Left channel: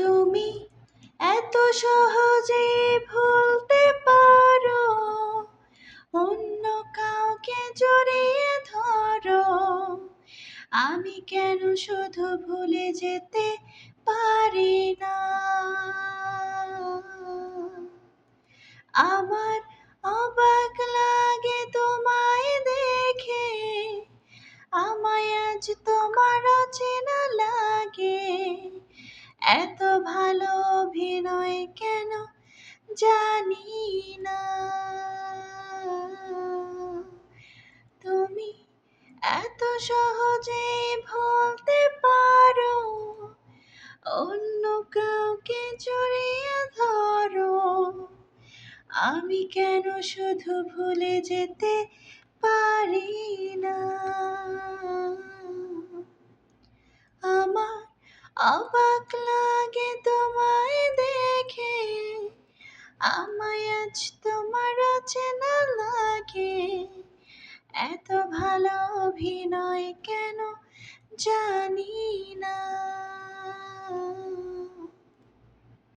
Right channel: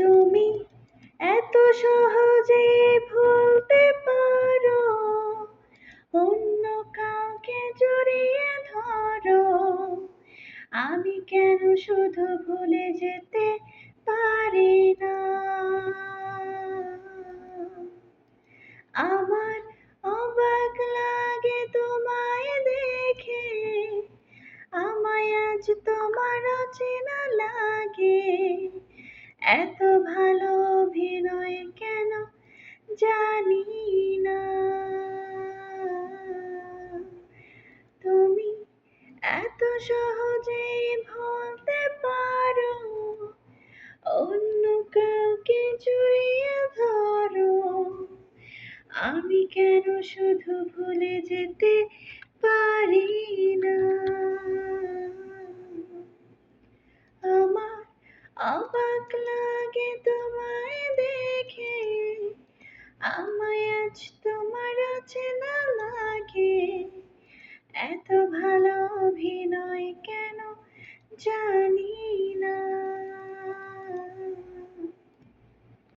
তুমি এত সহজে ভুলতে পারো, অন্য কাউকে জড়িয়ে ধরো। আমি কেন শুধু ভুলে যেতে পারি না? আমার অবাক লাগে তোমায় দেখে, আমায় আজ তোমার অচেনা লাগে। এত ভালো অভিনয় কেন জানি না। তুমি এত সহজে ভুলতে পারো, অন্য কাউকে জড়িয়ে ধরো। আমি কেন শুধু ভুলে যেতে পারি না? আমার অবাক লাগে তোমায় দেখে, আমায় আজ তোমার অচেনা লাগে। এত ভালো অভিনয় কেন জানি না।